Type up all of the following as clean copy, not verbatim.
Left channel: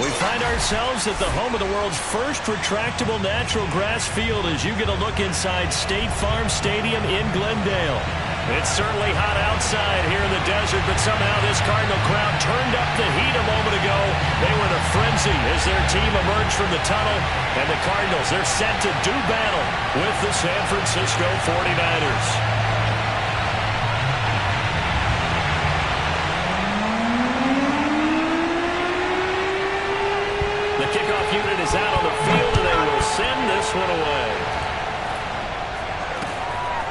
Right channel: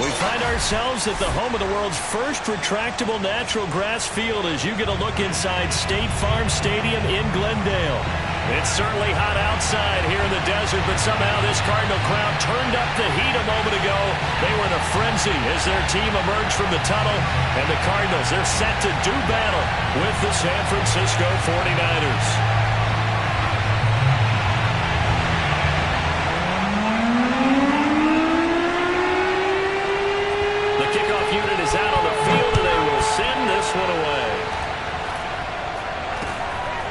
We find ourselves at the home of the world's first retractable natural grass field as you get a look inside State Farm Stadium in Glendale. It's certainly hot outside here in the desert, but somehow this Cardinal crowd turned up the heat a moment ago. They were in a frenzy as their team emerged from the tunnel, and the Cardinals, they're set to do battle with the San Francisco 49ers. The kickoff unit is out on the field, and they will send this one away.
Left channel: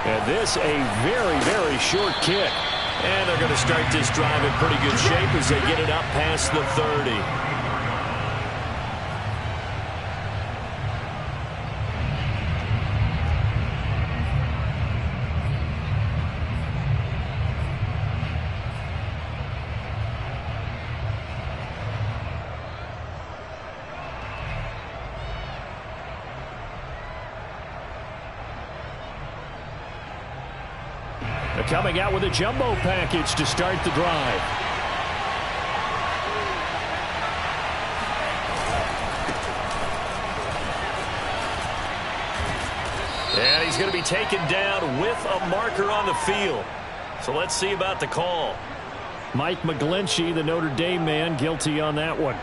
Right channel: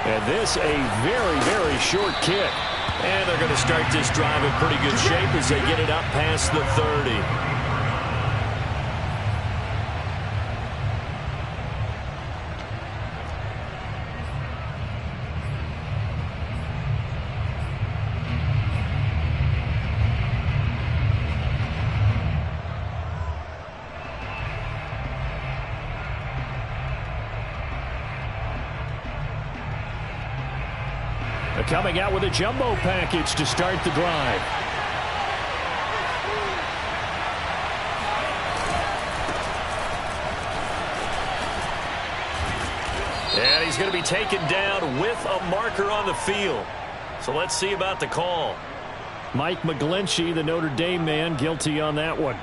And this a very, very short kick. And they're going to start this drive in pretty good shape as they get it up past the 30. Coming out with a jumbo package to start the drive. And he's going to be taken down with a marker on the field. So let's see about the call. Mike McGlinchey, the Notre Dame man, guilty on that one.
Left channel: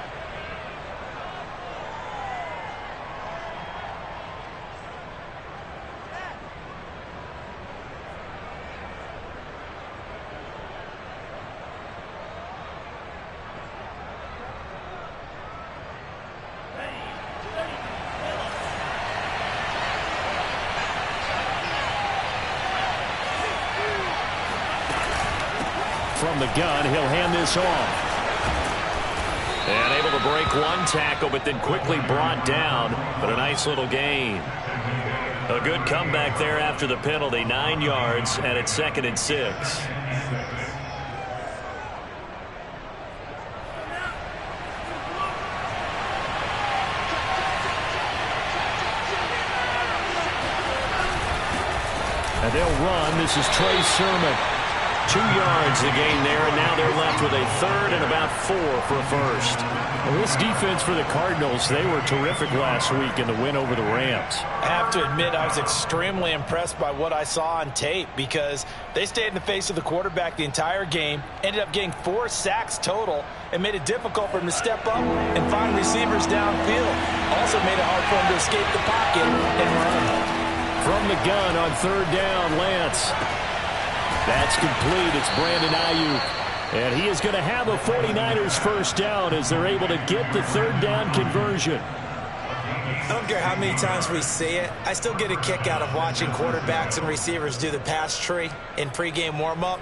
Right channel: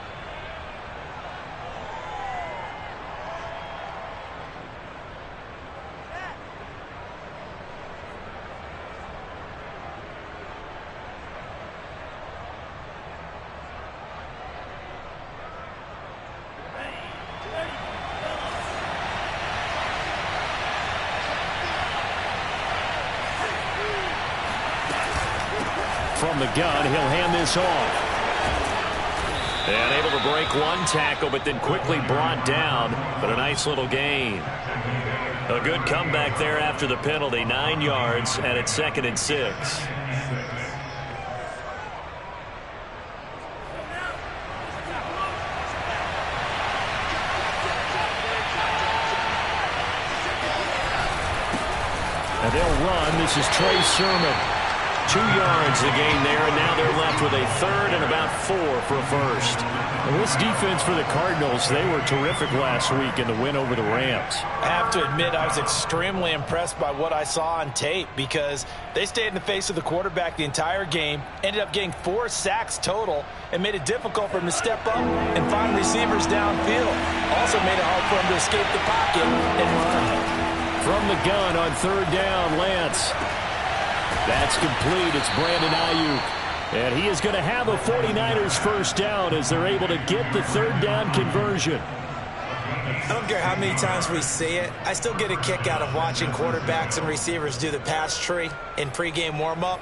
From the gun, he'll hand this off. And able to break one tackle, but then quickly brought down. But a nice little gain. A good comeback there after the penalty. 9 yards, and it's 2nd and 6. And they'll run. This is Trey Sermon. 2 yards the gain there, and now they're left with a 3rd and about 4 for a first. Well, this defense for the Cardinals, they were terrific last week in the win over the Rams. I have to admit, I was extremely impressed by what I saw on tape because they stayed in the face of the quarterback the entire game, ended up getting 4 sacks total, and made it difficult for him to step up and find receivers downfield. Also made it hard for him to escape the pocket and run. From the gun on 3rd down, Lance. That's complete. It's Brandon Ayuk. And he is going to have a 49ers first down as they're able to get the 3rd down conversion. I don't care how many times we see it. I still get a kick out of watching quarterbacks and receivers do the pass tree in pregame warm-up.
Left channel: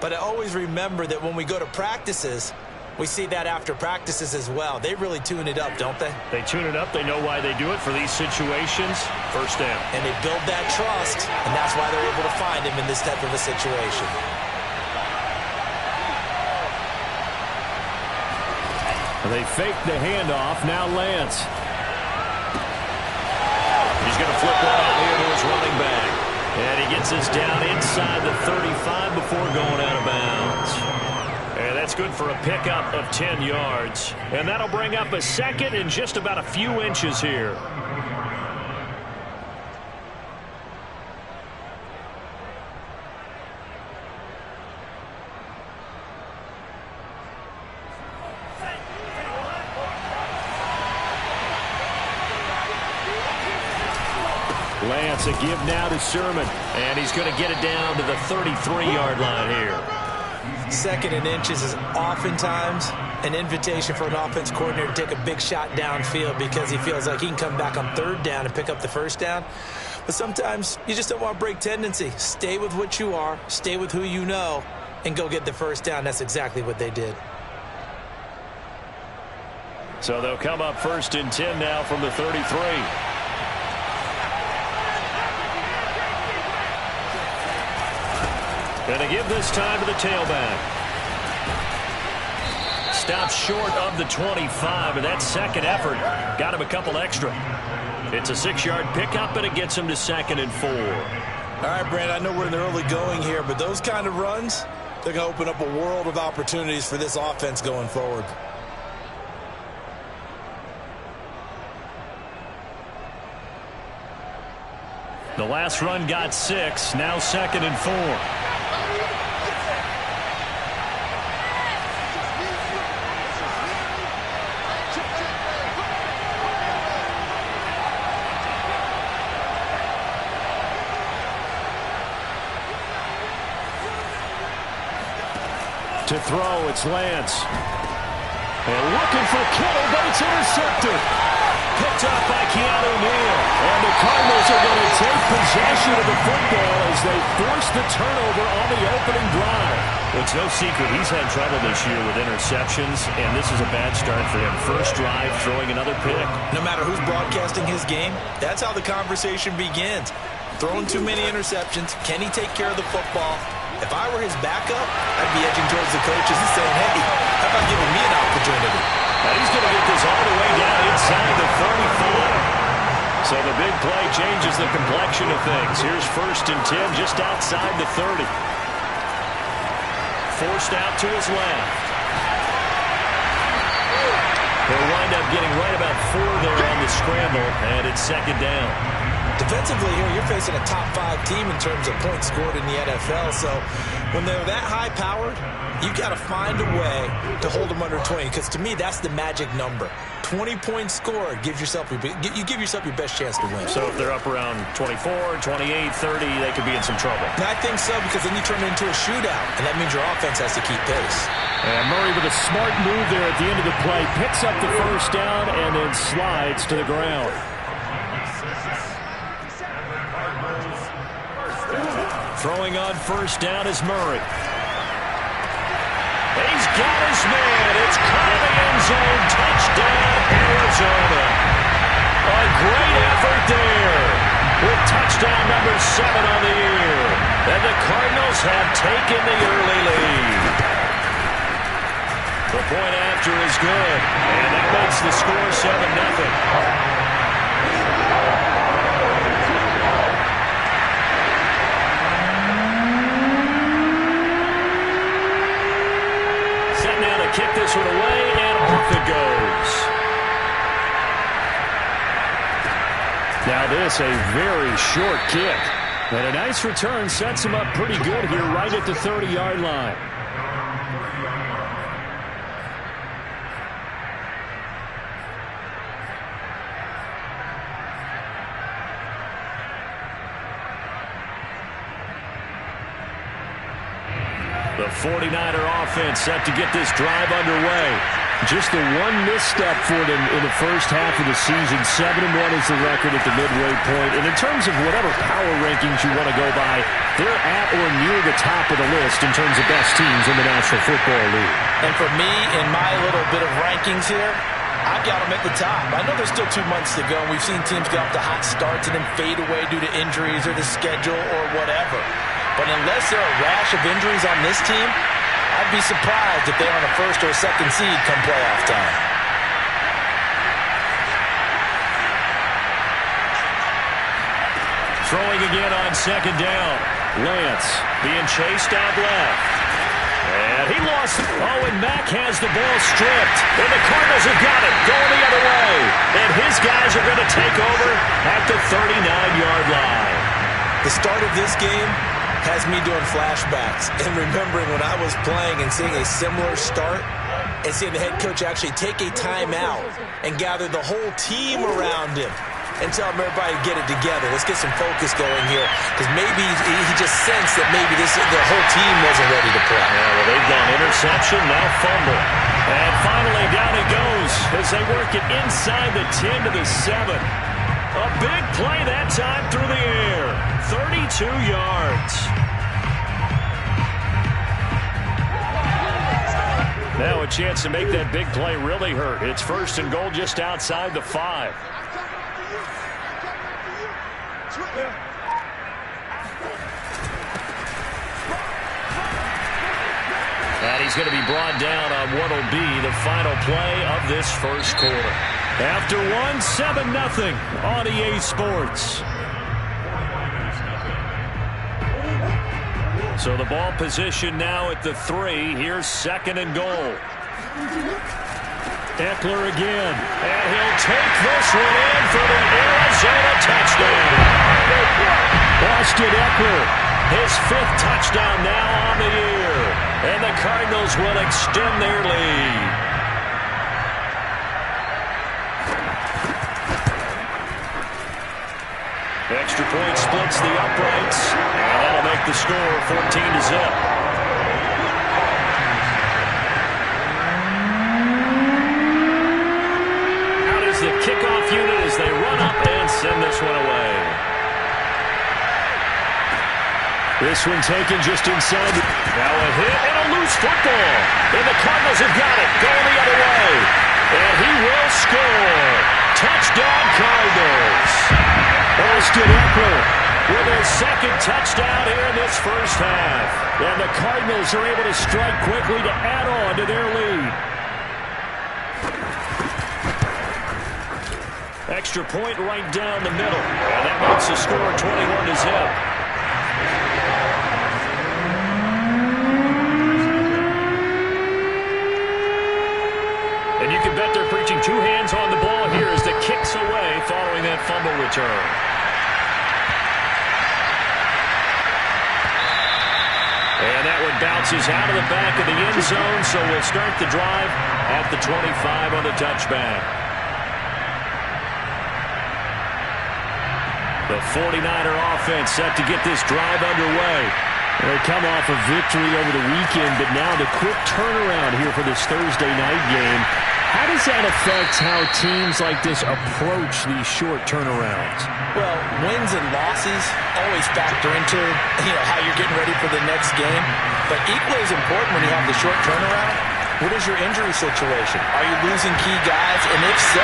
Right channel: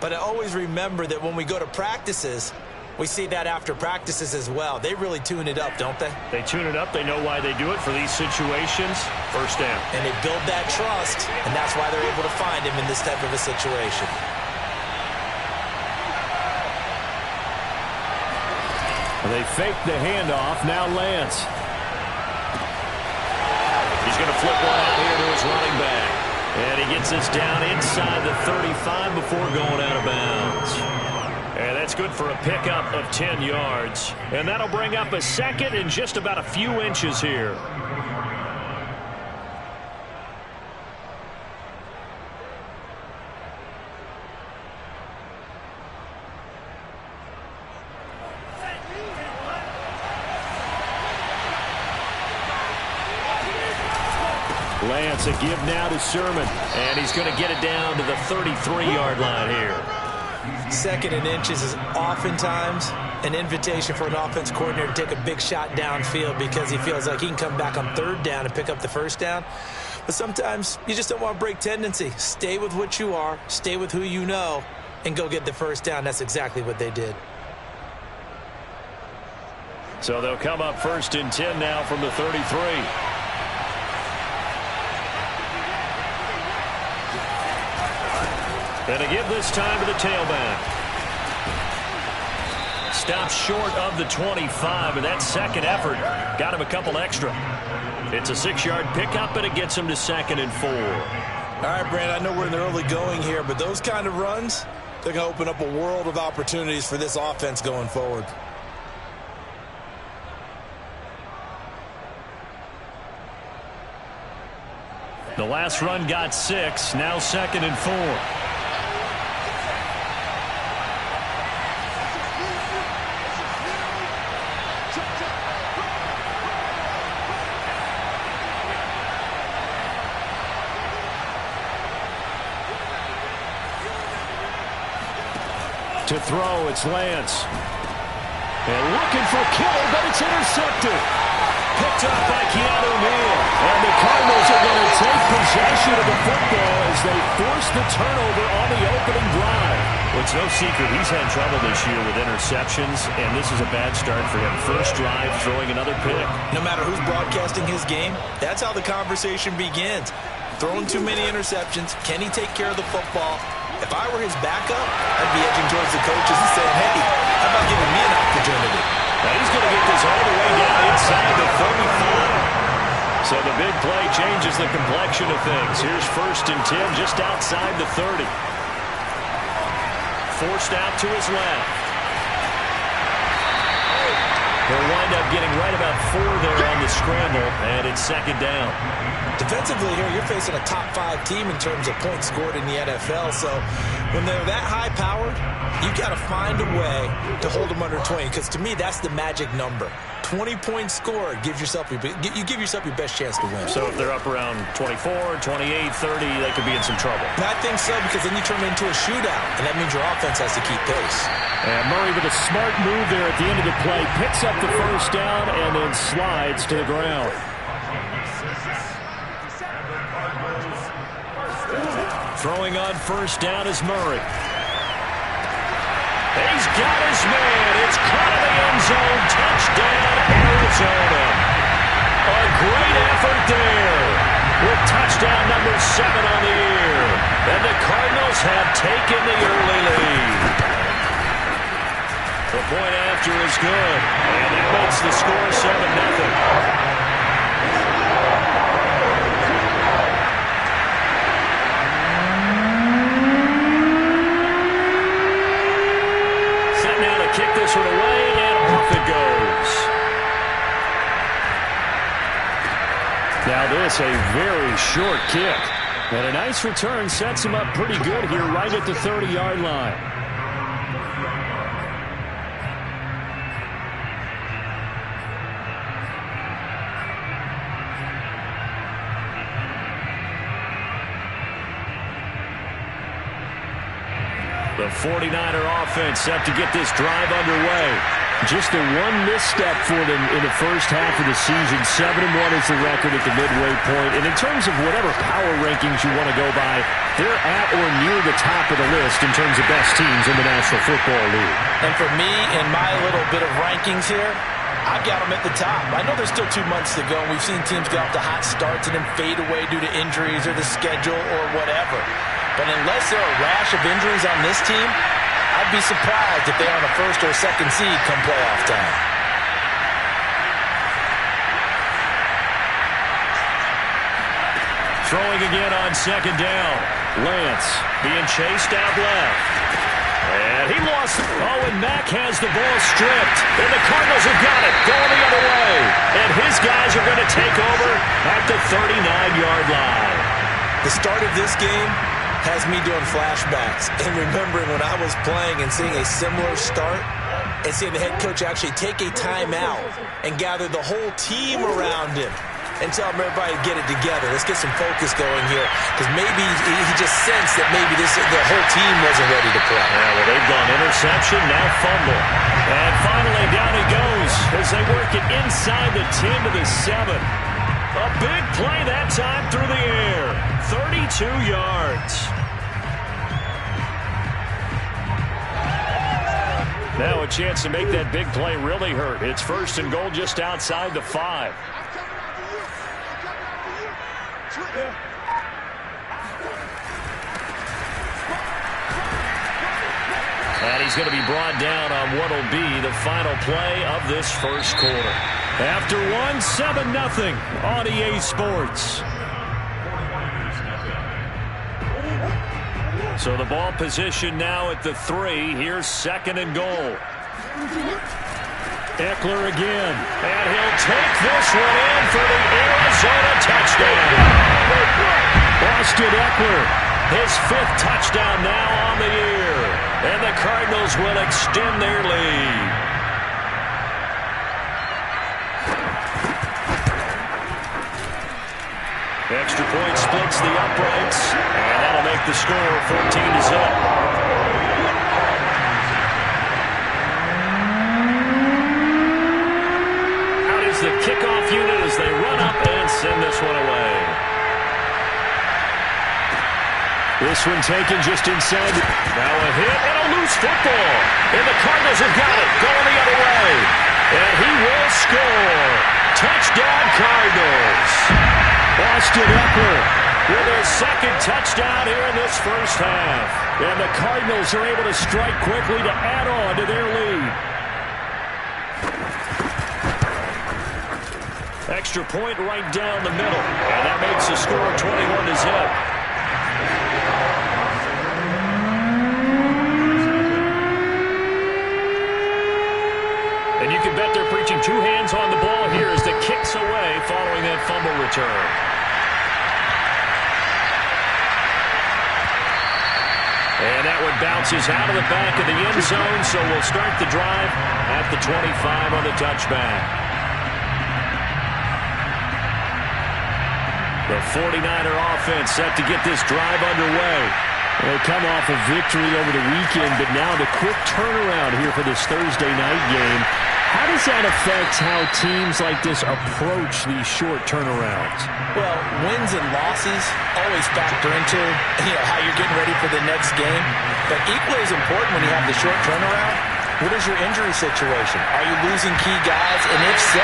But I always remember that when we go to practices, we see that after practices as well. They really tune it up, don't they? They tune it up. They know why they do it for these situations. First down. And they build that trust, and that's why they're able to find him in this type of a situation. They fake the handoff. Now Lance. He's going to flip one out here to his running back. And he gets this down inside the 35 before going out of bounds. And that's good for a pickup of 10 yards. And that'll bring up a 2nd and just about a few inches here. Lance, a give now to Sermon. And he's going to get it down to the 33-yard line here. 2nd and inches is oftentimes an invitation for an offense coordinator to take a big shot downfield because he feels like he can come back on 3rd down and pick up the 1st down. But sometimes you just don't want to break tendency. Stay with what you are, stay with who you know, and go get the 1st down. That's exactly what they did. So they'll come up 1st and 10 now from the 33. And to give this time to the tailback. Stops short of the 25, and that 2nd effort got him a couple extra. It's a 6-yard pickup, and it gets him to 2nd and 4. All right, Brand, I know we're in the early going here, but those kind of runs, they're going to open up a world of opportunities for this offense going forward. The last run got 6. Now 2nd and 4. To throw, it's Lance. And looking for Kittle, but it's intercepted. Picked up by Keanu Neal. And the Cardinals are going to take possession of the football as they force the turnover on the opening drive. Well, it's no secret he's had trouble this year with interceptions, and this is a bad start for him. First drive, throwing another pick. No matter who's broadcasting his game, that's how the conversation begins. Throwing too many interceptions. Can he take care of the football? If I were his backup, I'd be edging towards the coaches and saying, hey, how about giving me an opportunity? Now he's going to get this all the way down inside the 35. So the big play changes the complexion of things. Here's 1st and 10 just outside the 30. Forced out to his left. He'll wind up getting right about 4 there on the scramble, and it's 2nd down. Defensively here, you're facing a top 5 team in terms of points scored in the NFL. So when they're that high-powered, you've got to find a way to hold them under 20. Because to me, that's the magic number. 20 points scored gives yourself you give yourself your best chance to win. So if they're up around 24, 28, 30, they could be in some trouble. And I think so, because then you turn it into a shootout, and that means your offense has to keep pace. And Murray with a smart move there at the end of the play, picks up the 1st down and then slides to the ground. Throwing on 1st down is Murray. He's got his man. It's caught in the end zone. Touchdown, Arizona. A great effort there with touchdown number 7 on the year. And the Cardinals have taken the early lead. The point after is good. And that makes the score 7-0. Now to kick this one away, and off it goes. Now this, a very short kick. And a nice return sets him up pretty good here right at the 30-yard line. The 49er offense set to get this drive underway. Just the one misstep for them in the first half of the season. 7-1 is the record at the midway point. And in terms of whatever power rankings you want to go by, they're at or near the top of the list in terms of best teams in the National Football League. And for me, in my little bit of rankings here, I've got them at the top. I know there's still 2 months to go, and we've seen teams get off to hot starts and then fade away due to injuries or the schedule or whatever. But unless there are a rash of injuries on this team, I'd be surprised if they're on a 1st or 2nd seed come playoff time. Throwing again on 2nd down. Lance being chased out left. And he lost. Oh, and Mack has the ball stripped. And the Cardinals have got it going the other way. And his guys are going to take over at the 39-yard line. The start of this game has me doing flashbacks and remembering when I was playing and seeing a similar start and seeing the head coach actually take a timeout and gather the whole team around him and tell him everybody to get it together. Let's get some focus going here, because maybe he just sensed that maybe the whole team wasn't ready to play. Yeah, well, they've gone interception, now fumble. And finally down he goes as they work it inside the 10 to the 7. A big play that time through the air. 32 yards. Now a chance to make that big play really hurt. It's 1st and goal just outside the 5. And he's going to be brought down on what will be the final play of this first quarter. After one, 7-0 on EA Sports. So the ball position now at the 3. Here's 2nd and goal. Eckler again. And he'll take this one in for the Arizona touchdown. Austin Eckler, his 5th touchdown now on the year. And the Cardinals will extend their lead. Extra point splits the uprights, and that'll make the score 14-0. Out is the kickoff unit as they run up and send this one away. This one taken just inside. Now a hit and a loose football. And the Cardinals have got it, going the other way. And he will score. Touchdown, Cardinals. Austin Eckler with his 2nd touchdown here in this first half. And the Cardinals are able to strike quickly to add on to their lead. Extra point right down the middle. And that makes the score 21-0. And you can bet they're preaching 2 hands on the ball here as the kick's away following that fumble return. And that one bounces out of the back of the end zone, so we'll start the drive at the 25 on the touchback. The 49er offense set to get this drive underway. They come off a victory over the weekend, but now the quick turnaround here for this Thursday night game. How does that affect how teams like this approach these short turnarounds? Well, wins and losses always factor into, how you're getting ready for the next game. But equally as important when you have the short turnaround, what is your injury situation? Are you losing key guys? And if so,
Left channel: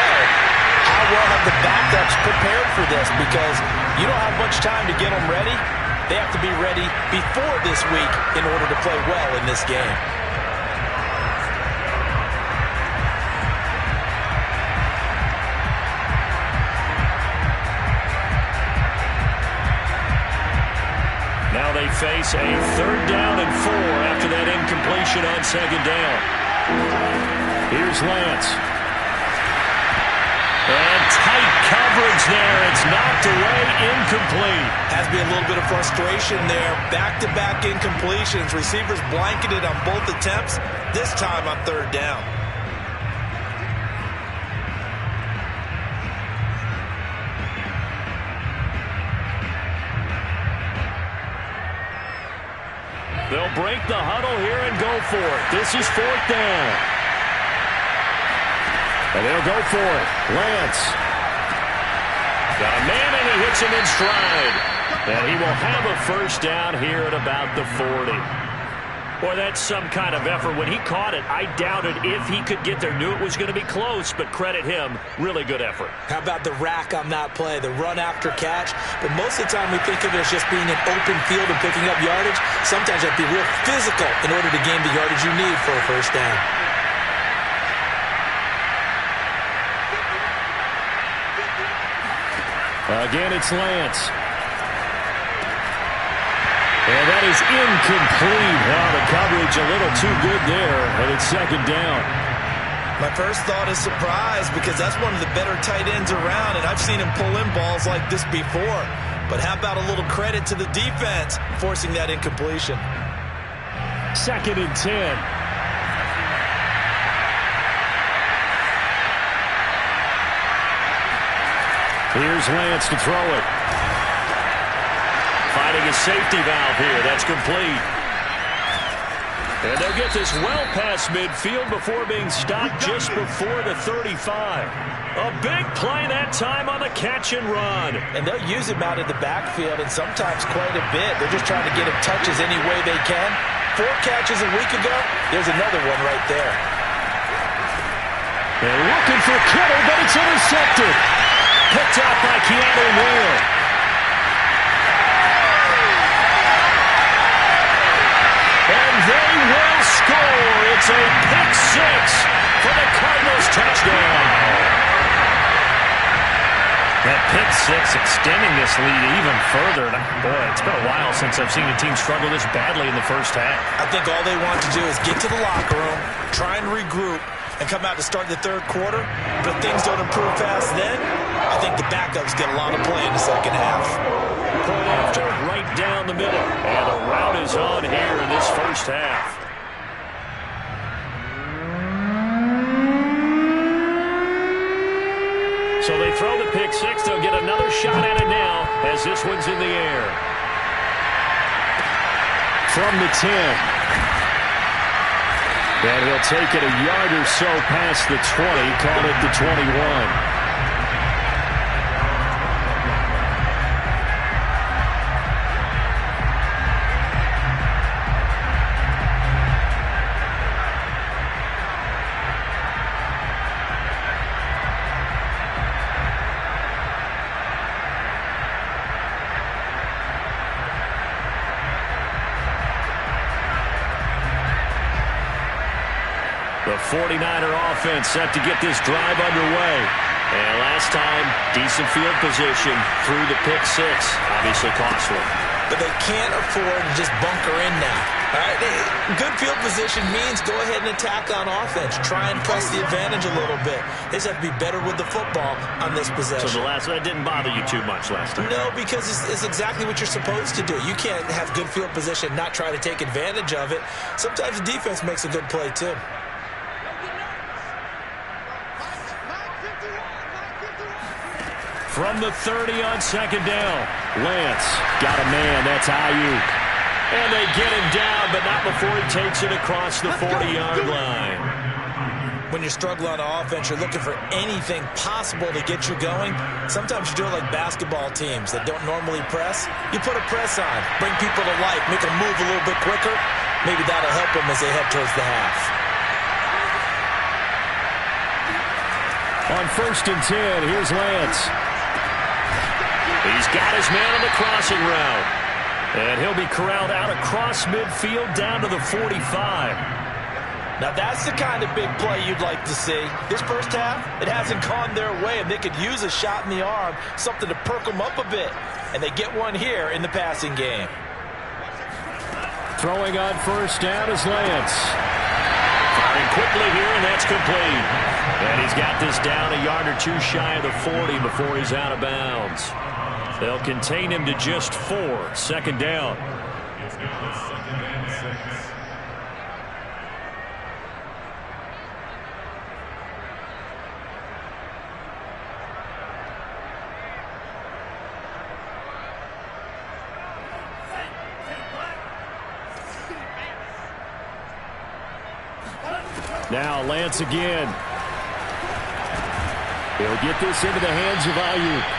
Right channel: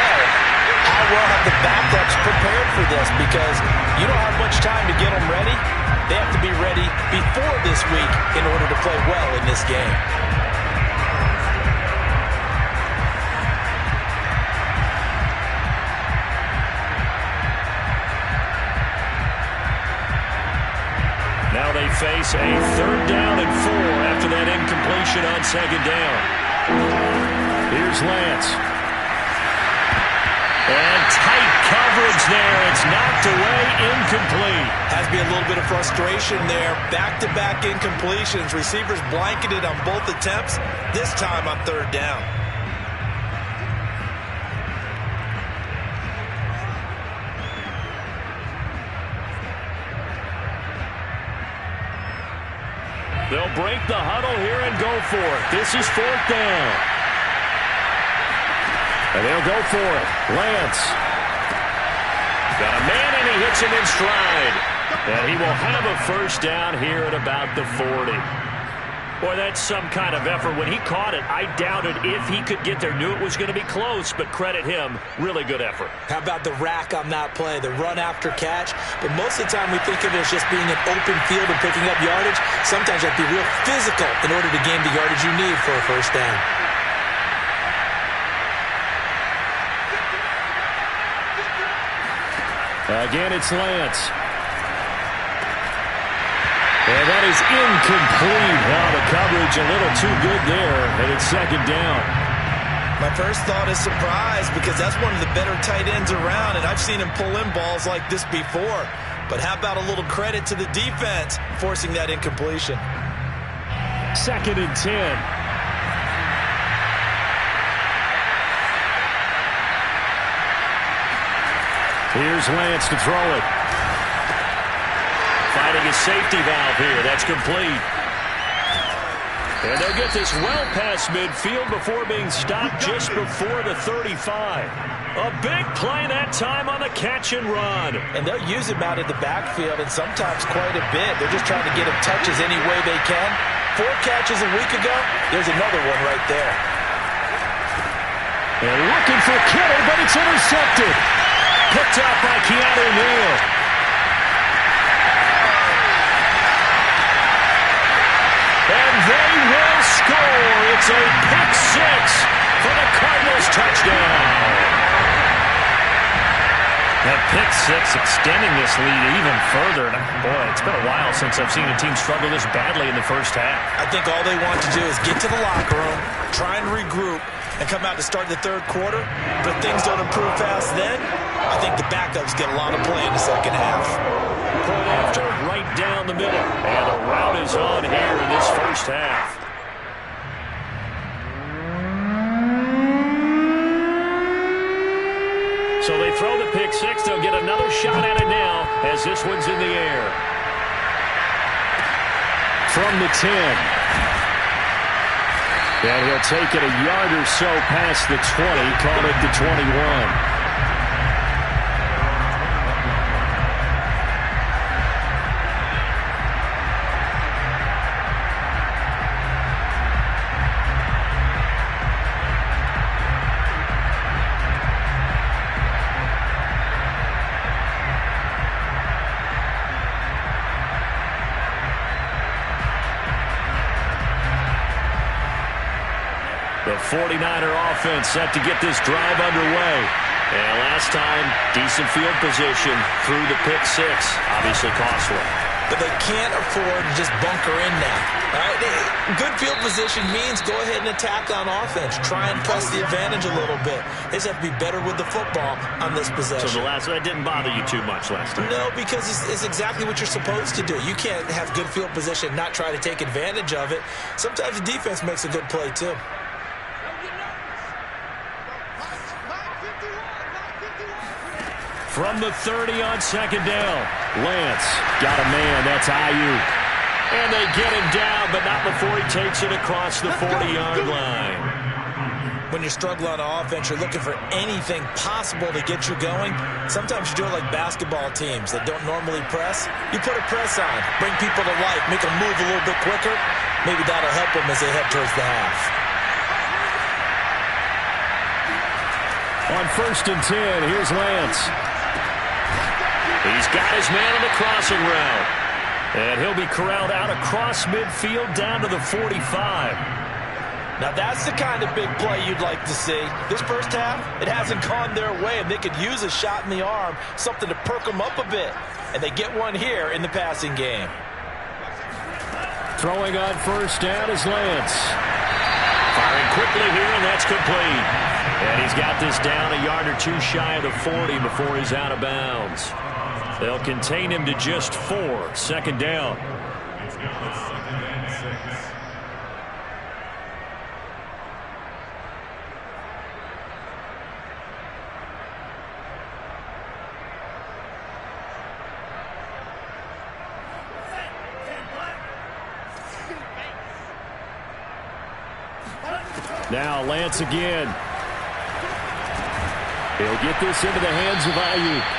how well have the backups prepared for this? Because you don't have much time to get them ready. They have to be ready before this week in order to play well in this game. Now they face a 3rd down and 4 after that incompletion on 2nd down. Here's Lance. And tight coverage there. It's knocked away, incomplete. Has to be a little bit of frustration there. Back-to-back incompletions. Receivers blanketed on both attempts, this time on 3rd down. They'll break the huddle here and go for it. This is 4th down. And they'll go for it. Lance. Got a man, and he hits him in stride. And he will have a 1st down here at about the 40. Boy, that's some kind of effort. When he caught it, I doubted if he could get there. Knew it was going to be close, but credit him. Really good effort. How about the rack on that play, the run after catch? But most of the time we think of it as just being an open field and picking up yardage. Sometimes you have to be real physical in order to gain the yardage you need for a 1st down. Again, it's Lance. And that is incomplete. Oh, the coverage a little too good there, and it's 2nd down. My first thought is surprise because that's one of the better tight ends around, and I've seen him pull in balls like this before. But how about a little credit to the defense forcing that incompletion? 2nd and 10. Here's Lance to throw it. Finding his safety valve here. That's complete. And they'll get this well past midfield before being stopped just before the 35. A big play that time on the catch and run. And they'll use him out in the backfield, and sometimes quite a bit. They're just trying to get him touches any way they can. 4 catches a week ago. There's another one right there. And looking for Kittle, but it's intercepted. Picked up by Keanu Neal. And they will score. It's a pick 6 for the Cardinals touchdown. That pick six extending this lead even further. And boy, it's been a while since I've seen a team struggle this badly in the first half. I think all they want to do is get to the locker room, try and regroup, and come out to start the third quarter. But if things don't improve fast then, I think the backups get a lot of play in the second half. Point after, right down the middle. And the route is on here in this first half. So they throw the pick six. They'll get another shot at it now as this one's in the air. From the 10. And he'll take it a yard or so past the 20. Call it the 21. The 49er offense set to get this drive underway. And last time, decent field position through the pick six. Obviously costly. But they can't afford to just bunker in now. All right, good field position means go ahead and attack on offense. Try and press the advantage a little bit. They just have to be better with the football on this possession. So that didn't bother you too much last time? No, because it's exactly what you're supposed to do. You can't have good field position and not try to take advantage of it. Sometimes the defense makes a good play, too. From the 30 on second down. Lance got a man. That's Ayuk. And they get him down, but not before he takes it across the 40-yard line. When you struggle on offense, you're looking for anything possible to get you going. Sometimes you do it like basketball teams that don't normally press. You put a press on, bring people to life, make them move a little bit quicker. Maybe that'll help them as they head towards the half. On 1st and 10, here's Lance. He's got his man on the crossing route. And he'll be corralled out across midfield down to the 45. Now that's the kind of big play you'd like to see. This first half, it hasn't gone their way, and they could use a shot in the arm, something to perk them up a bit. And they get one here in the passing game. Throwing on 1st down is Lance. Firing quickly here, and that's complete. And he's got this down a yard or two shy of the 40 before he's out of bounds. They'll contain him to just 4. 2nd down. Now Lance again. He'll get this into the hands of Ayuk.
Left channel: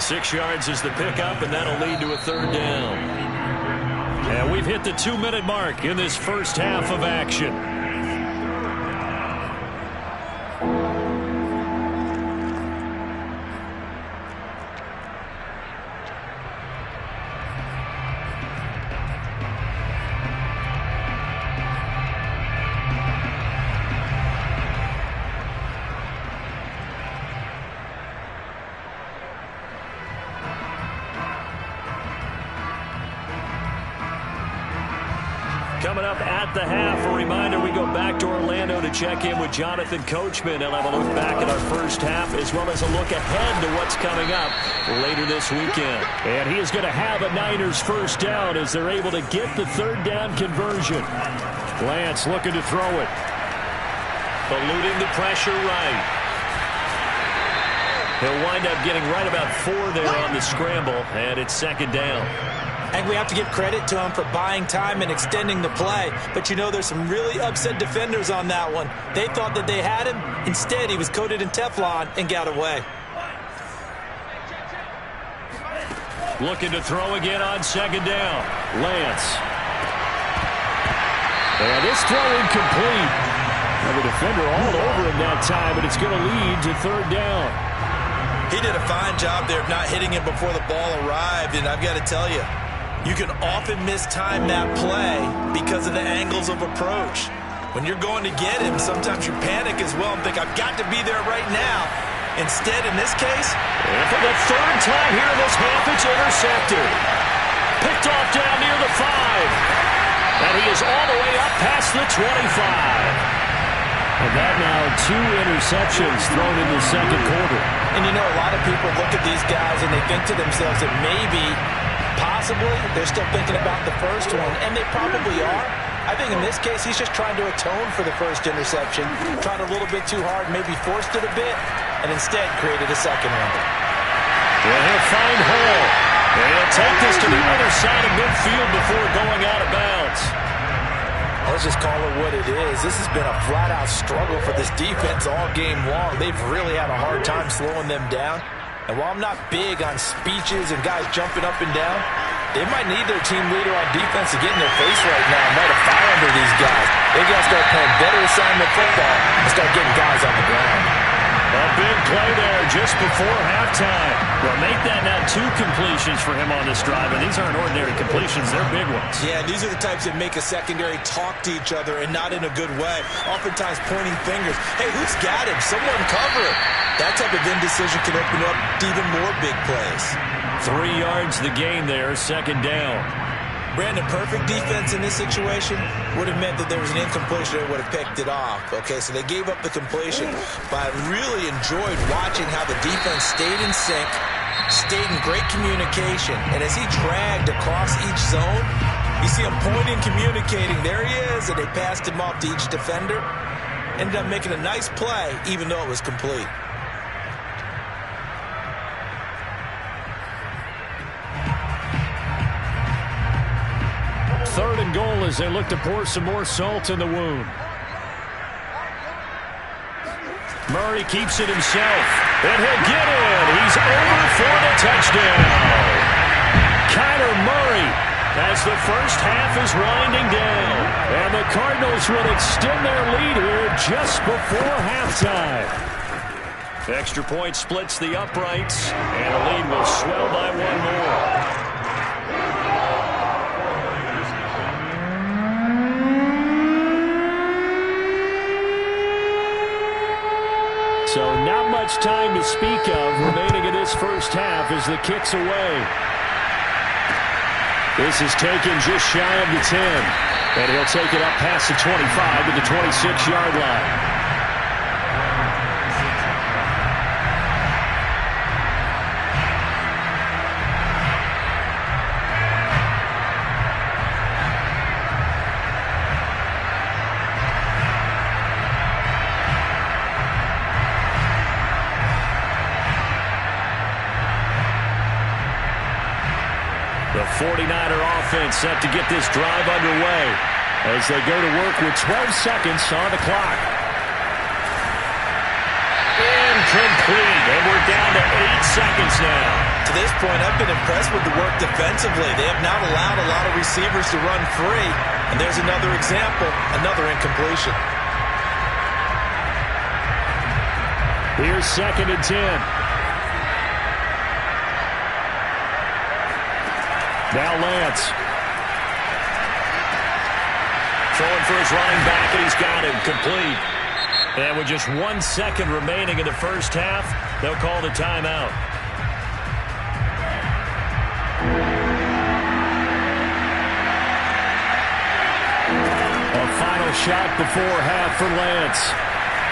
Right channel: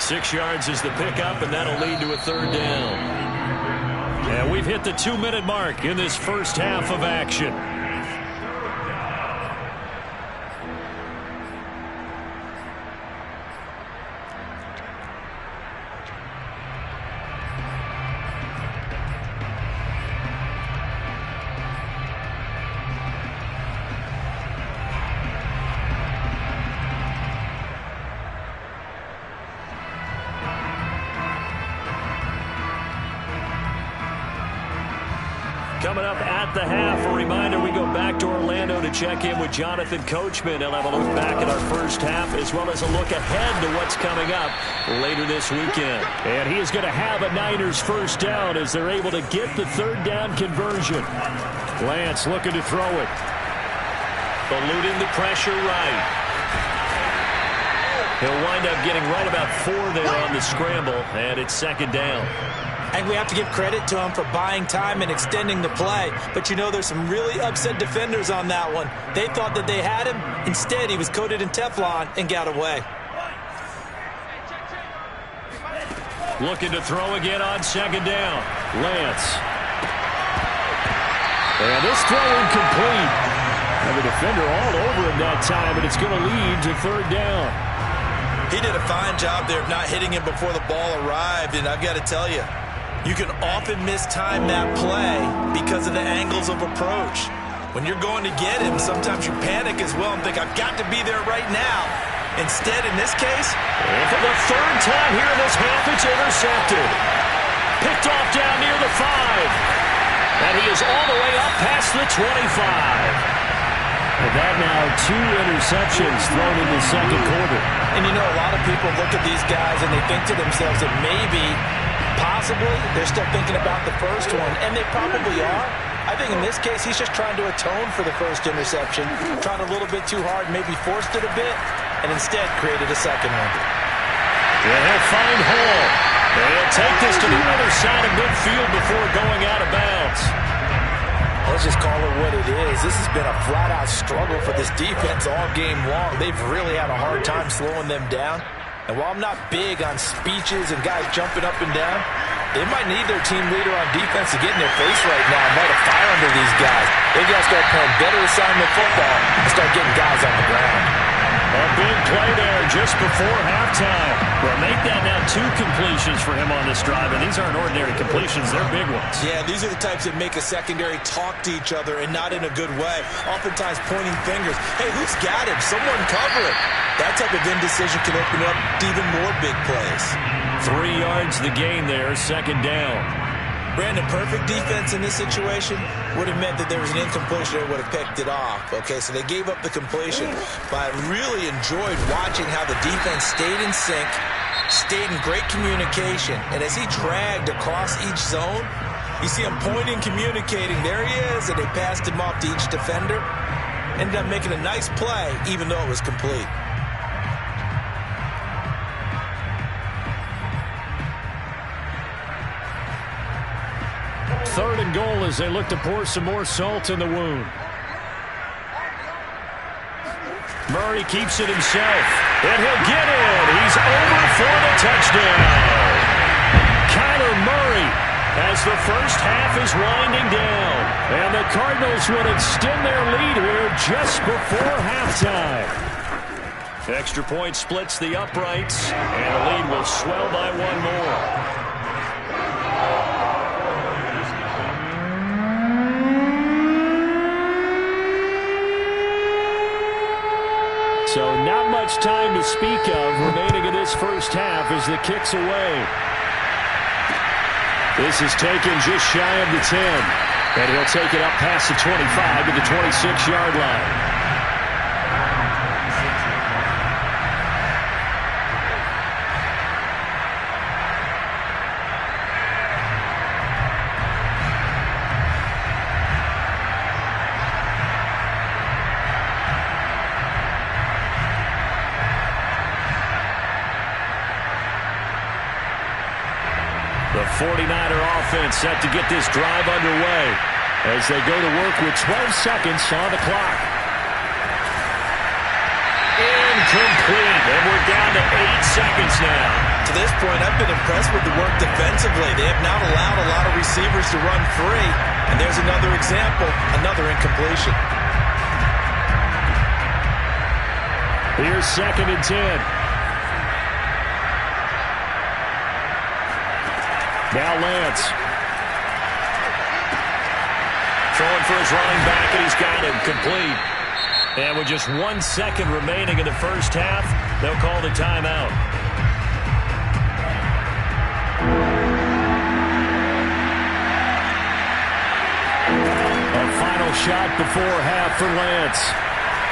6 yards is the pickup, and that'll lead to a 3rd down. And we've hit the 2-minute mark in this first half of action. Coming up at the half, a reminder, we go back to Orlando to check in with Jonathan Coachman. He'll have a look back at our first half as well as a look ahead to what's coming up later this weekend. And he is going to have a Niners 1st down as they're able to get the 3rd down conversion. Lance looking to throw it. Eluding the pressure right. He'll wind up getting right about 4 there on the scramble, and it's 2nd down. I think we have to give credit to him for buying time and extending the play. But, you know, there's some really upset defenders on that one. They thought that they had him. Instead, he was coated in Teflon and got away. Looking to throw again on 2nd down. Lance. And this throw incomplete. And the defender all over him that time, and it's going to lead to 3rd down. He did a fine job there of not hitting him before the ball arrived, and I've got to tell you, you can often mistime that play because of the angles of approach. When you're going to get him, sometimes you panic as well and think, I've got to be there right now. Instead, in this case, and for the third time here in this half, it's intercepted. Picked off down near the 5. And he is all the way up past the 25. And that now 2 interceptions thrown in the second quarter. And you know, a lot of people look at these guys and they think to themselves that maybe, possibly, they're still thinking about the first one. And they probably are. I think in this case, he's just trying to atone for the first interception. Tried a little bit too hard, maybe forced it a bit, and instead created a second one. Well, he'll find Hall. And he'll take this to the other side of midfield before going out of bounds. Let's just call it what it is. This has been a flat-out struggle for this defense all game long. They've really had a hard time slowing them down. And while I'm not big on speeches and guys jumping up and down, they might need their team leader on defense to get in their face right now and light a fire under these guys. They've got to start playing better assignment football and start getting guys on the ground. A big play there just before halftime. Well, make that now 2 completions for him on this drive, and these aren't ordinary completions. They're big ones. Yeah, these are the types that make a secondary talk to each other and not in a good way. Oftentimes pointing fingers. Hey, who's got him? Someone cover it. That type of indecision can open up to even more big plays. 3 yards the gain there, second down. Brandon, perfect defense in this situation would have meant that there was an incompletion that would have picked it off. Okay, so they gave up the completion, but I really enjoyed watching how the defense stayed in sync, stayed in great communication, and as he dragged across each zone, you see him pointing, communicating. There he is, and they passed him off to each defender. Ended up making a nice play, even though it was complete. Third and goal as they look to pour some more salt in the wound. Murray keeps it himself, and he'll get in. He's over for the touchdown. Kyler Murray, as the first half is winding down, and the Cardinals would extend their lead here just before halftime. Extra point splits the uprights, and the lead will swell by 1 more. So not much time to speak of remaining in this first half as the kick's away. This is taken just shy of the 10. And he'll take it up past the 25 to the 26-yard line. The 49er offense set to get this drive underway as they go to work with 12 seconds on the clock. Incomplete, and we're down to 8 seconds now. To this point, I've been impressed with the work defensively. They have not allowed a lot of receivers to run free, and there's another example, another incompletion. Here's 2nd and 10. Now Lance. Throwing for his running back, and he's got him complete. And with just 1 second remaining in the first half, they'll call the timeout. A final shot before half for Lance.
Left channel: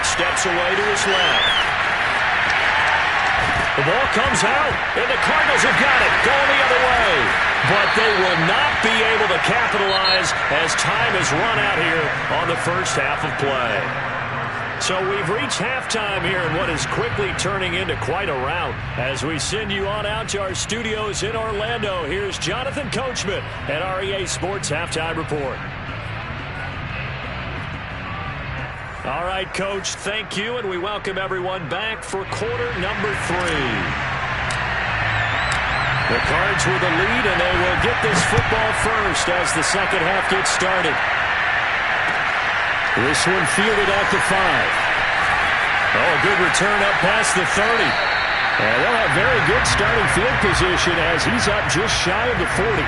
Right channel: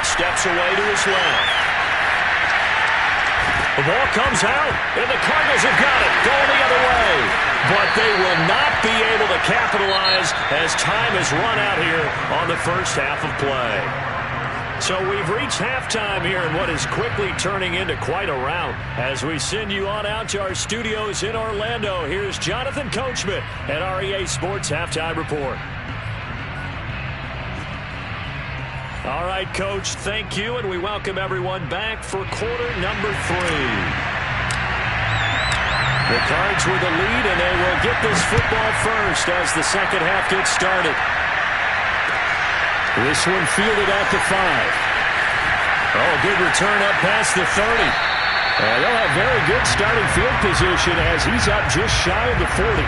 Steps away to his left. The ball comes out, and the Cardinals have got it, going the other way. But they will not be able to capitalize as time has run out here on the first half of play. So we've reached halftime here in what is quickly turning into quite a rout. As we send you on out to our studios in Orlando, here's Jonathan Coachman at our EA Sports Halftime Report. All right, Coach, thank you, and we welcome everyone back for quarter number 3. The Cards with the lead, and they will get this football first as the second half gets started. This one fielded at the 5. Oh, a good return up past the 30. And they'll have very good starting field position as he's up just shy of the 40.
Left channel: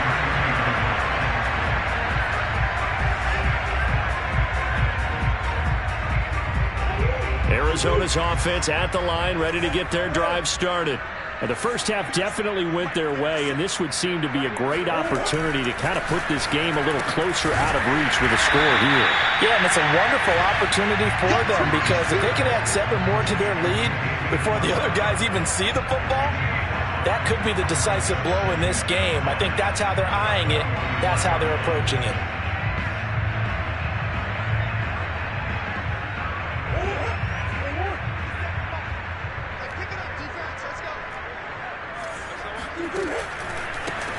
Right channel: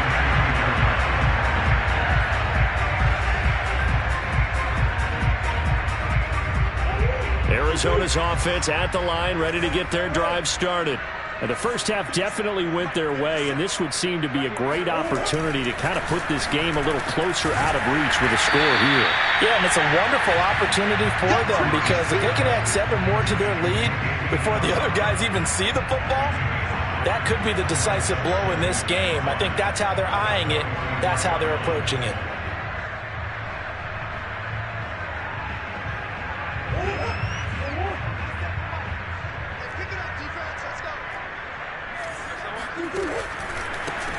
Arizona's offense at the line, ready to get their drive started. And the first half definitely went their way, and this would seem to be a great opportunity to kind of put this game a little closer out of reach with a score here. Yeah, and it's a wonderful opportunity for them because if they can add 7 more to their lead before the other guys even see the football, that could be the decisive blow in this game. I think that's how they're eyeing it. That's how they're approaching it.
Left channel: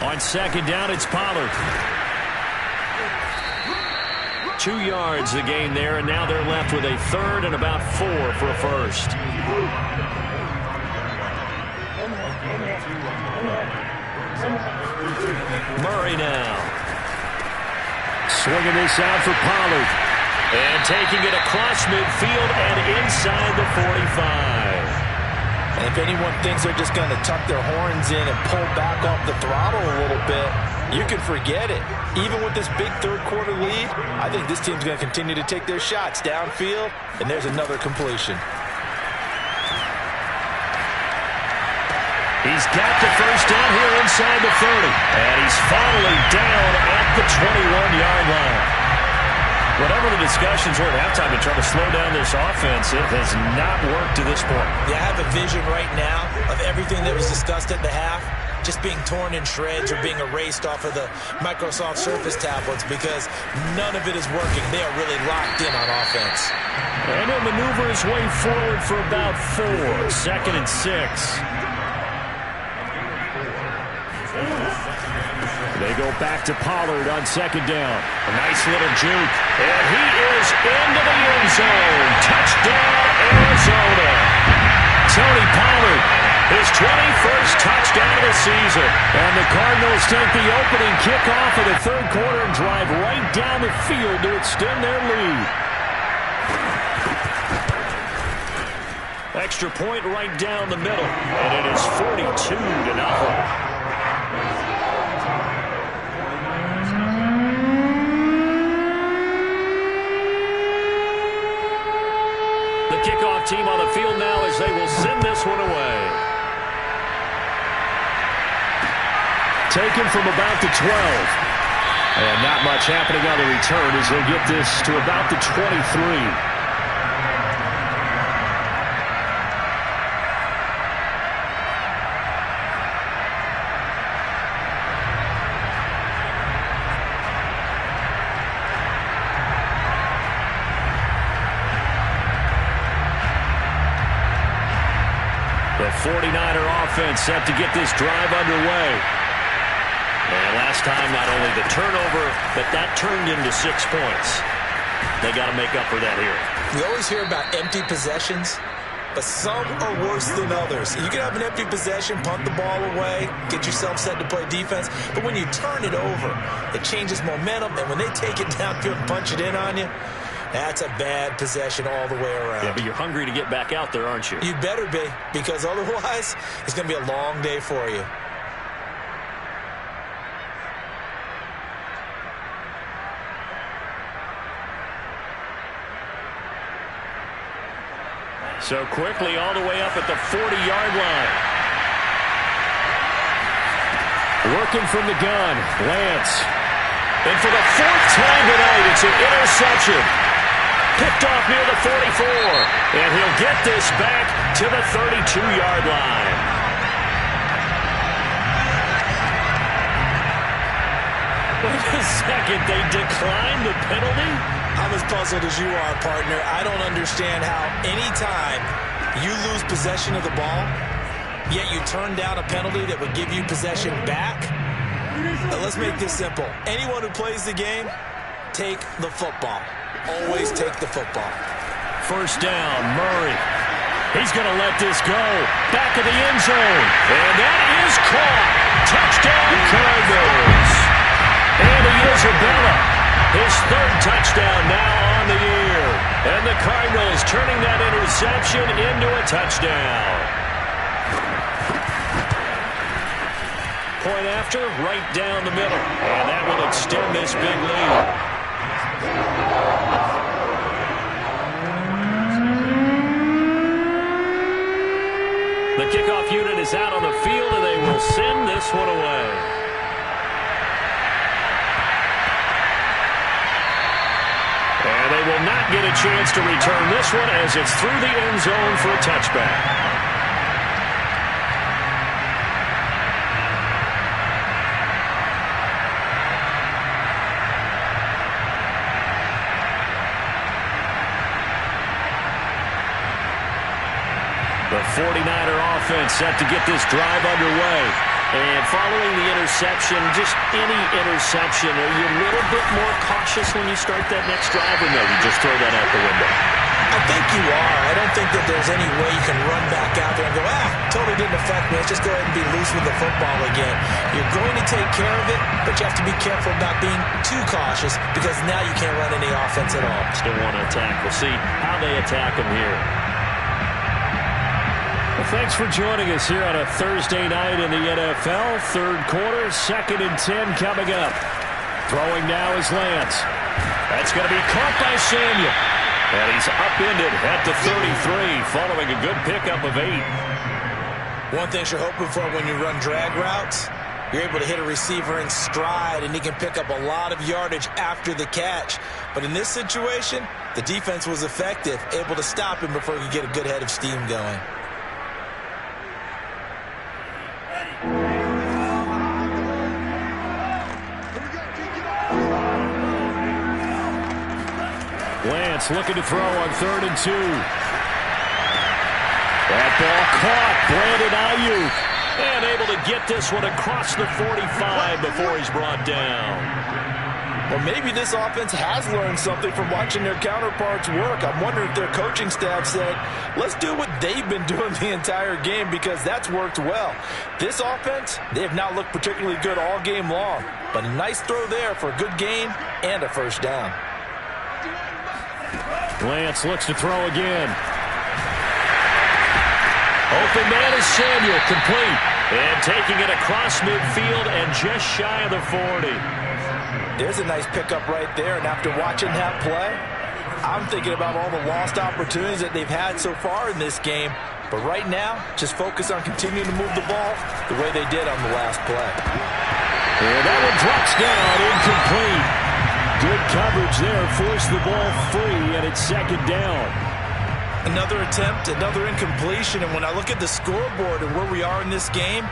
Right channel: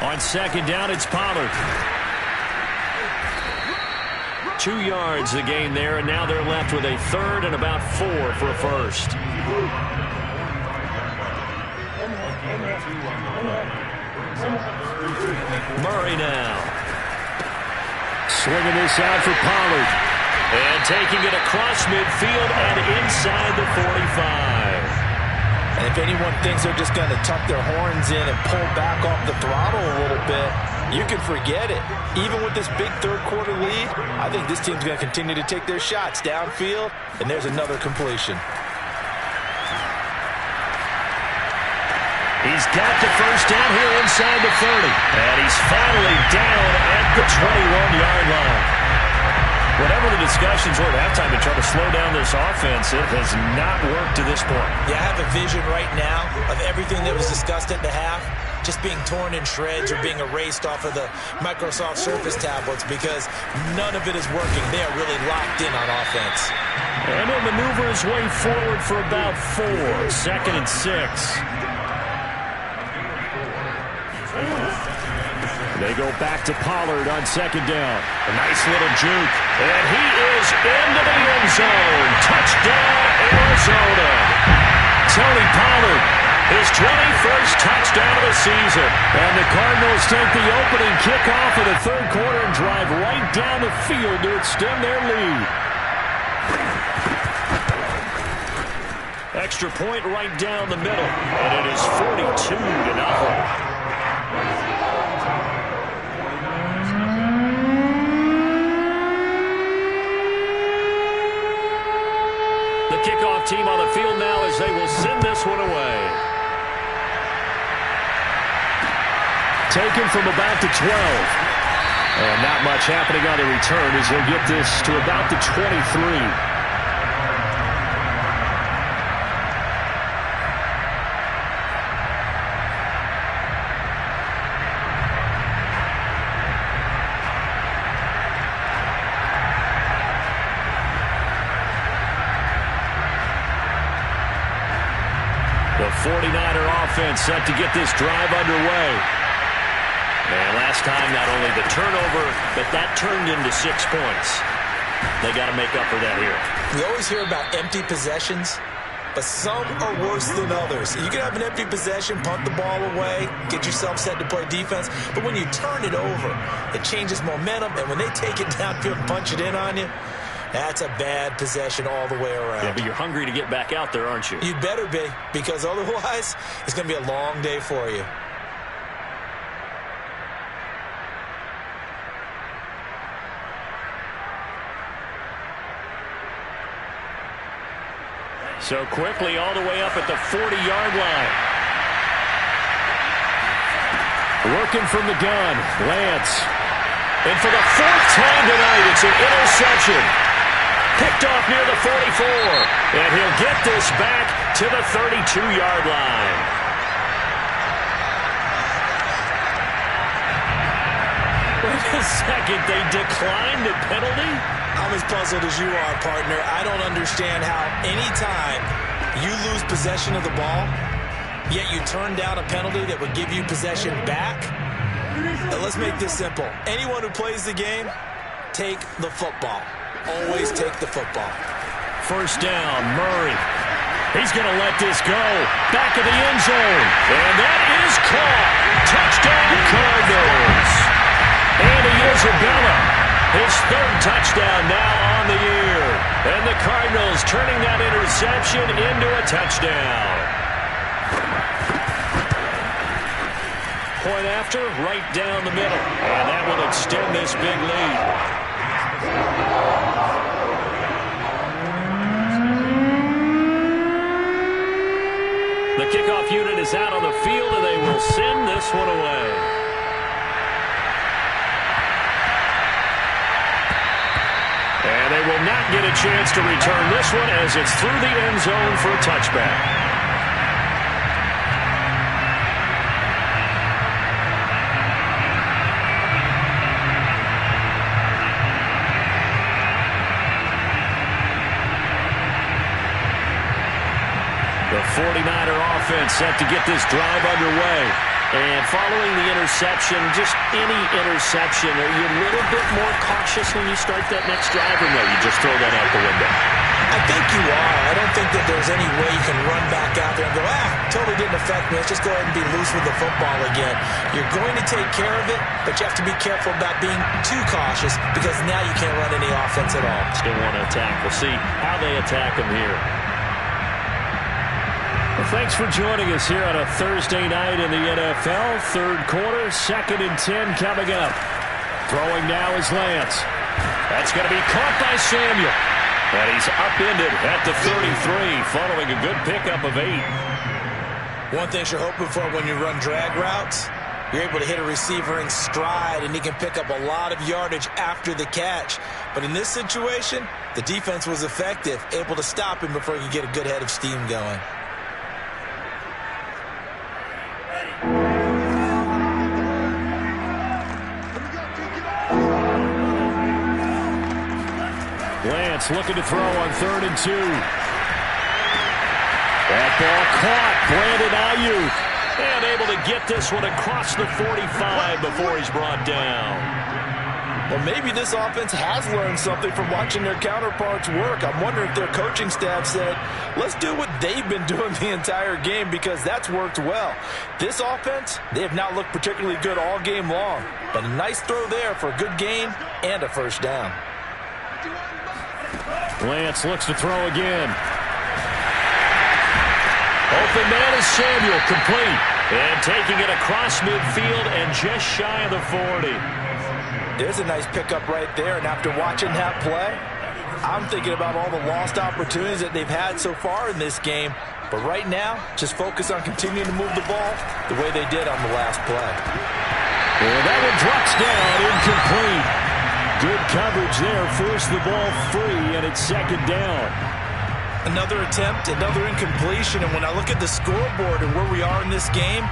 On second down, it's Pollard. 2 yards the gain there, and now they're left with a third and about 4 for a first. Murray now. Swinging this out for Pollard. And taking it across midfield and inside the 45. And if anyone thinks they're just going to tuck their horns in and pull back off the throttle a little bit, you can forget it. Even with this big third-quarter lead, I think this team's going to continue to take their shots downfield, and there's another completion. He's got the first down here inside the 30. And he's finally down at the 21-yard line. Whatever the discussions were at halftime to try to slow down this offense, it has not worked to this point. Yeah, I have a vision right now of everything that was discussed at the half just being torn in shreds or being erased off of the Microsoft Surface tablets because none of it is working. They are really locked in on offense. And he'll maneuver his way forward for about 4. Second and 6. They go back to Pollard on second down. A nice little juke. And he is into the end zone. Touchdown, Arizona. Tony Pollard, his 21st touchdown of the season. And the Cardinals take the opening kickoff of the third quarter and drive right down the field to extend their lead. Extra point right down the middle. And it is 42-0. Kickoff team on the field now as they will send this one away. Taken from about the 12. And not much happening on the return as he'll get this to about the 23. The 49er offense set to get this drive underway. And last time, not only the turnover, but that turned into 6 points. They got to make up for that here. We always hear about empty possessions, but some are worse than others. You can have an empty possession, punt the ball away, get yourself set to play defense, but when you turn it over, it changes momentum, and when they take it downfield and punch it in on you, that's a bad possession all the way around. Yeah, but you're hungry to get back out there, aren't you? You'd better be, because otherwise, it's going to be a long day for you. So quickly all the way up at the 40-yard line. Working from the gun, Lance. And for the 4th time tonight, it's an interception. Picked off near the 44. And he'll get this back to the 32-yard line. Wait a second, they declined the penalty? I'm as puzzled as you are, partner. I don't understand how anytime you lose possession of the ball, yet you turn down a penalty that would give you possession back. Now, let's make this simple. Anyone who plays the game, take the football. Always take the football. First down, Murray. He's going to let this go. Back of the end zone. And that is caught. Touchdown, Cardinals. Andy Isabella, his 3rd touchdown now on the year. And the Cardinals turning that interception into a touchdown. Point after, right down the middle. And that will extend this big lead. the kickoff unit is out on the field, and they will send this one away. And they will not get a chance to return this one as it's through the end zone for a touchback. The 49er offense set to get this drive underway. And following the interception, just any interception, are you a little bit more cautious when you start that next drive, or no, you just throw that out the window? I think you are. I don't think that there's any way you can run back out there and go, totally didn't affect me. Let's just go ahead and be loose with the football again. You're going to take care of it, but you have to be careful about being too cautious because now you can't run any offense at all. Still want to attack. We'll see how they attack them here. Well, thanks for joining us here on a Thursday night in the NFL. Third quarter, 2nd and 10 coming up. Throwing now is Lance. That's going to be caught by Samuel. And he's upended at the 33 following a good pickup of 8. One thing you're hoping for when you run drag routes, you're able to hit a receiver in stride, and he can pick up a lot of yardage after the catch. But in this situation, the defense was effective, able to stop him before he could get a good head of steam going. Lance looking to throw on 3rd and 2. That ball caught. Brandon Ayuk. And able to get this one across the 45 before he's brought down. Well, maybe this offense has learned something from watching their counterparts work. I'm wondering if their coaching staff said, let's do what they've been doing the entire game because that's worked well. This offense, they have not looked particularly good all game long. But a nice throw there for a good gain and a first down. Lance looks to throw again. Open man is Samuel, complete. And taking it across midfield and just shy of the 40. There's a nice pickup right there, and after watching that play, I'm thinking about all the lost opportunities that they've had so far in this game. But right now, just focus on continuing to move the ball the way they did on the last play. And that one drops down, incomplete. Good coverage there, forced the ball free, and it's 2nd down. Another attempt, another incompletion, and when I look at the scoreboard and where we are in this game,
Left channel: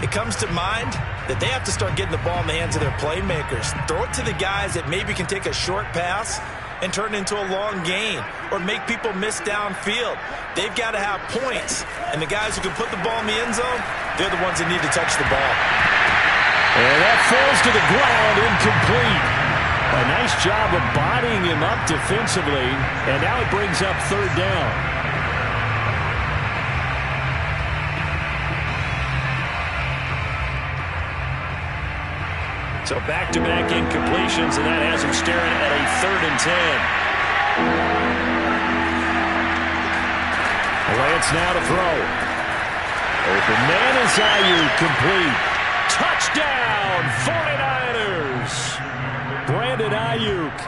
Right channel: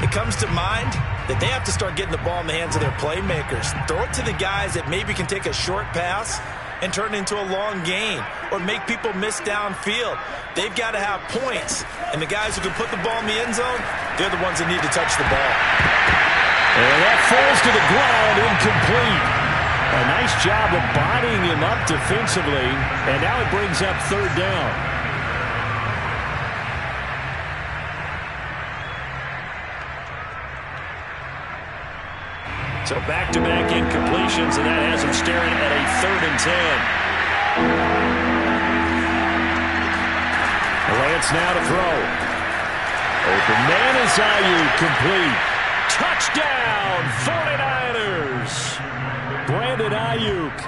it comes to mind that they have to start getting the ball in the hands of their playmakers. Throw it to the guys that maybe can take a short pass and turn it into a long gain or make people miss downfield. They've got to have points, and the guys who can put the ball in the end zone, they're the ones that need to touch the ball. And that falls to the ground, incomplete. A nice job of bodying him up defensively, and now it brings up 3rd down. So back-to-back incompletions, and that has him staring at a 3rd and 10. Lance now to throw. Open man is Ayuk, complete. Touchdown, 49ers. Brandon Ayuk,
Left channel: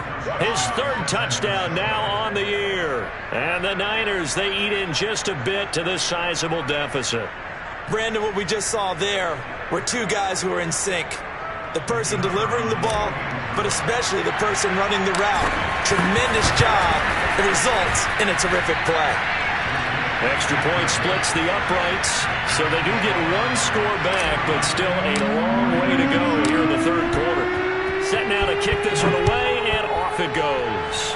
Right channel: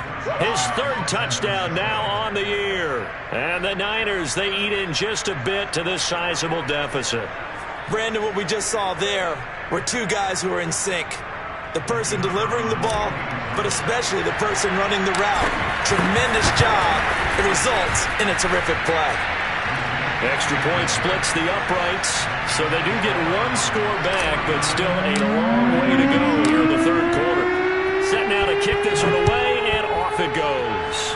his 3rd touchdown now on the year. And the Niners, they eat in just a bit to this sizable deficit. Brandon, what we just saw there were two guys who are in sync. The person delivering the ball, but especially the person running the route. Tremendous job. It results in a terrific play. Extra point splits the uprights, so they do get one score back, but still a long way to go here in the 3rd quarter. Set now to kick this one away, and off it goes.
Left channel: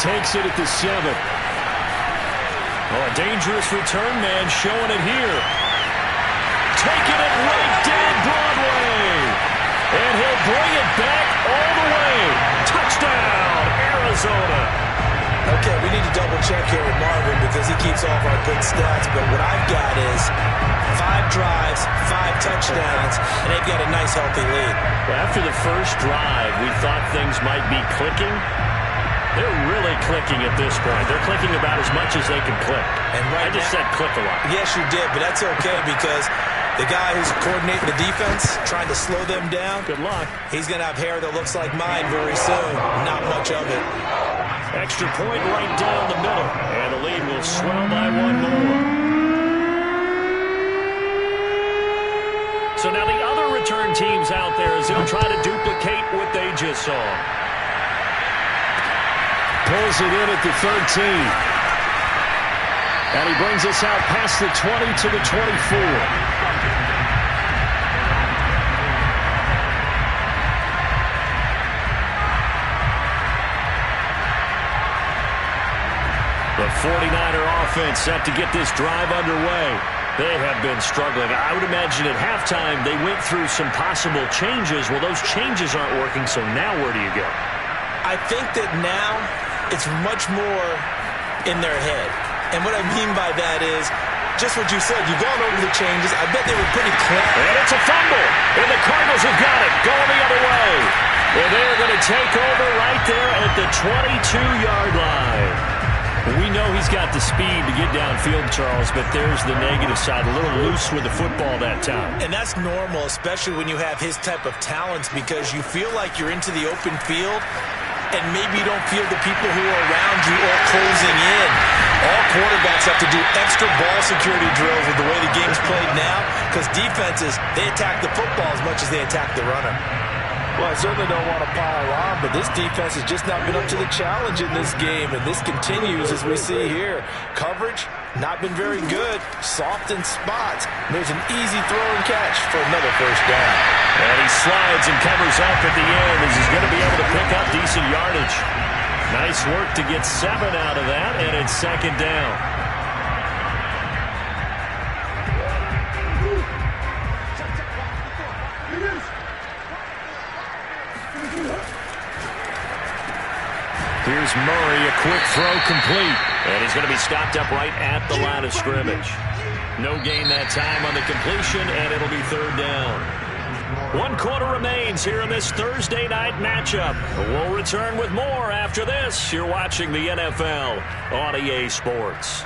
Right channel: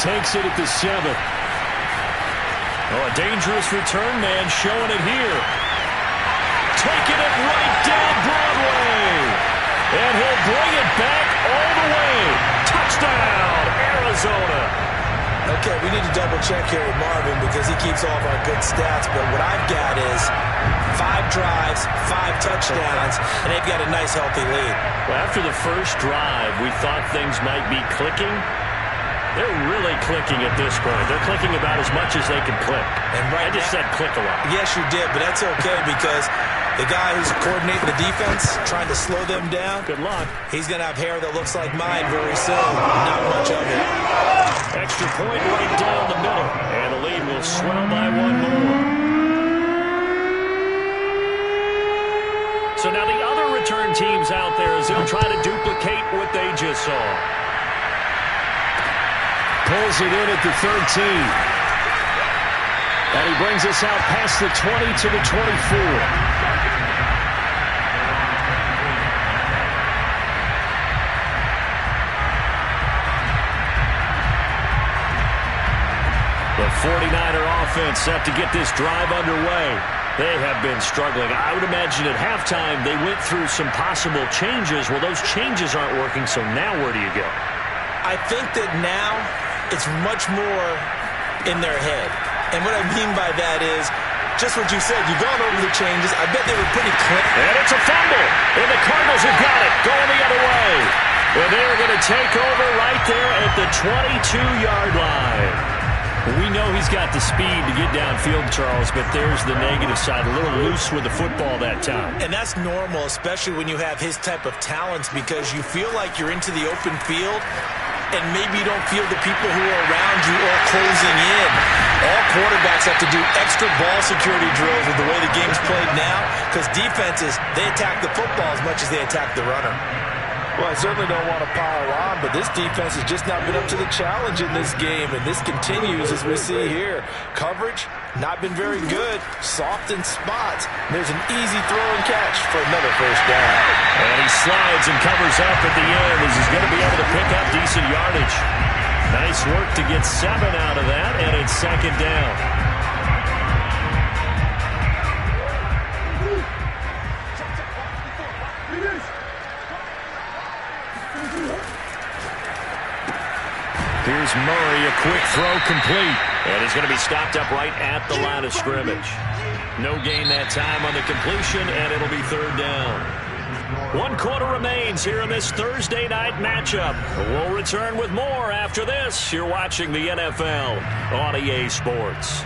Takes it at the 7. Oh, a dangerous return man showing it here. Taking it right down Broadway. And he'll bring it back all the way. Touchdown, Arizona. Okay, we need to double-check here with Marvin because he keeps all of our good stats. But what I've got is 5 drives, 5 touchdowns, and they've got a nice, healthy lead. Well, after the first drive, we thought things might be clicking. They're really clicking at this point. They're clicking about as much as they can click. And right I just said click a lot. Yes, you did, but that's okay because the guy who's coordinating the defense, trying to slow them down, good luck. He's going to have hair that looks like mine very soon. Not much of it. Extra point right down the middle. And the lead will swell by one more. So now the other return teams out there as they'll try to duplicate what they just saw. Pulls it in at the 13. And he brings us out past the 20 to the 24. The 49er offense set to get this drive underway. They have been struggling. I would imagine at halftime they went through some possible changes. Well, those changes aren't working, so now where do you go? I think that now it's much more in their head. And what I mean by that is just what you said. You've gone over the changes. I bet they were pretty clear. And it's a fumble. And the Cardinals have got it going the other way. And they're going to take over right there at the 22-yard line. We know he's got the speed to get downfield, Charles, but there's the negative side. A little loose with the football that time. And that's normal, especially when you have his type of talents, because you feel like you're into the open field and maybe you don't feel the people who are around you or closing in. All quarterbacks have to do extra ball security drills with the way the game's played now, because defenses, they attack the football as much as they attack the runner. Well, I certainly don't want to pile on, but this defense has just not been up to the challenge in this game, and this continues as we see here. Coverage, not been very good. Soft in spots. There's an easy throw and catch for another first down. And he slides and covers up at the end as he's going to be able to pick up decent yardage. Nice work to get 7 out of that, and it's second down. Here's Murray, a quick throw complete. And he's going to be stopped up right at the line of scrimmage. No gain that time on the completion, and it'll be third down. 1 quarter remains here in this Thursday night matchup. We'll return with more after this. You're watching the NFL on EA Sports.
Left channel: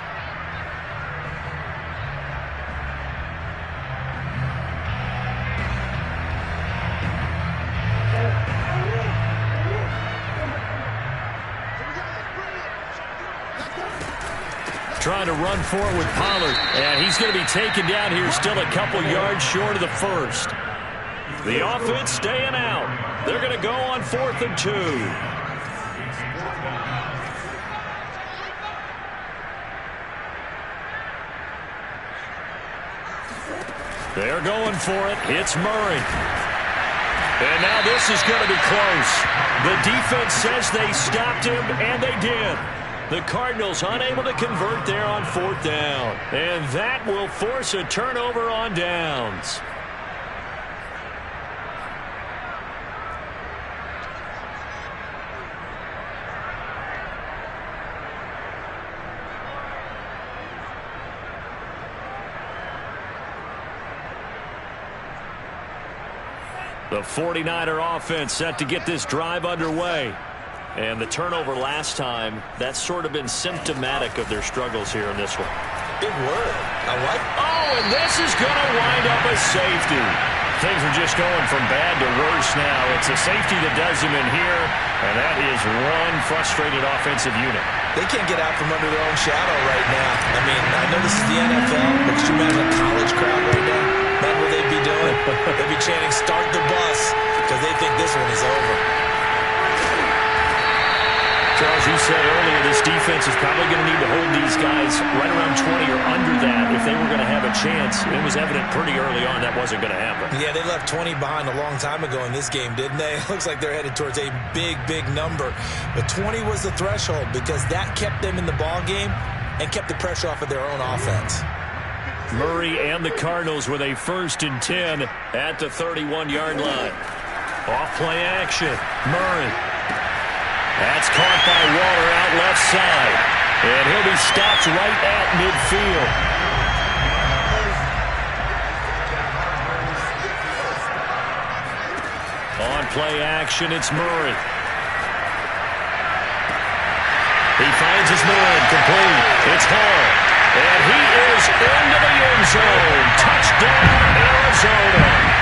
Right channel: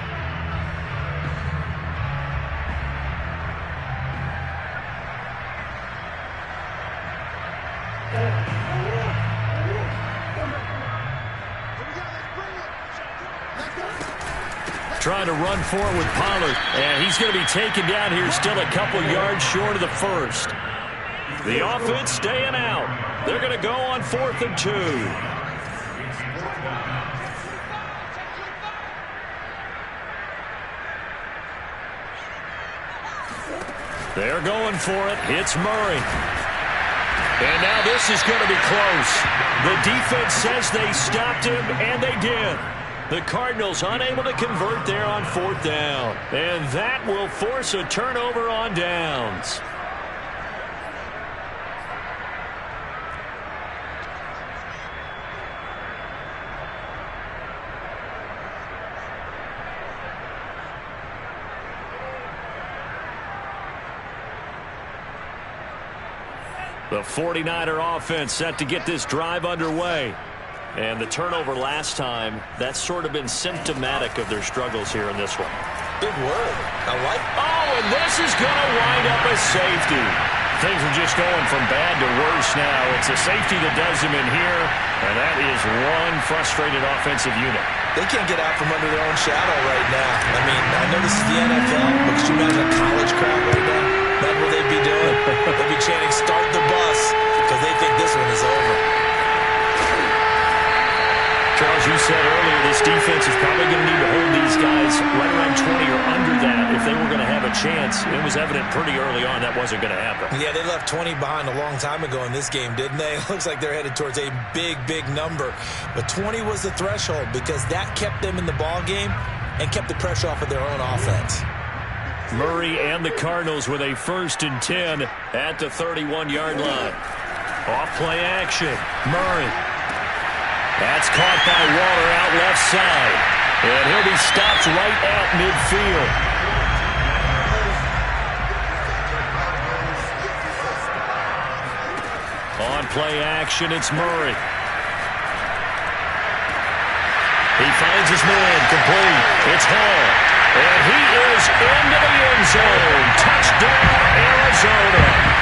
Trying to run for it with Pollard, and he's going to be taken down here still a couple yards short of the first. The offense staying out. They're going to go on 4th and 2. They're going for it. Hits Murray. And now this is going to be close. The defense says they stopped him, and they did. The Cardinals unable to convert there on 4th down. And that will force a turnover on downs. The 49er offense set to get this drive underway. And the turnover last time, that's sort of been symptomatic of their struggles here in this one. Big word. I like it. Oh, and this is going to wind up a safety. Things are just going from bad to worse now. It's a safety that does them in here, and that is one frustrated offensive unit. They can't get out from under their own shadow right now. I mean, I know this is the NFL, but could you imagine a college crowd right now? Imagine what they'd be doing. They'd be chanting, "Start the bus," because they think this one is over. Charles, you said earlier this defense is probably going to need to hold these guys right around 20 or under that if they were going to have a chance. It was evident pretty early on that wasn't going to happen. Yeah, they left 20 behind a long time ago in this game, didn't they? It looks like they're headed towards a big, big number. But 20 was the threshold because that kept them in the ball game and kept the pressure off of their own offense. Murray and the Cardinals with a 1st and 10 at the 31-yard line. Off play action. Murray. That's caught by Waller out left side. And he'll be stopped right at midfield. On play action, it's Murray. He finds his man complete. It's Hall. And he is into the end zone. Touchdown, Arizona.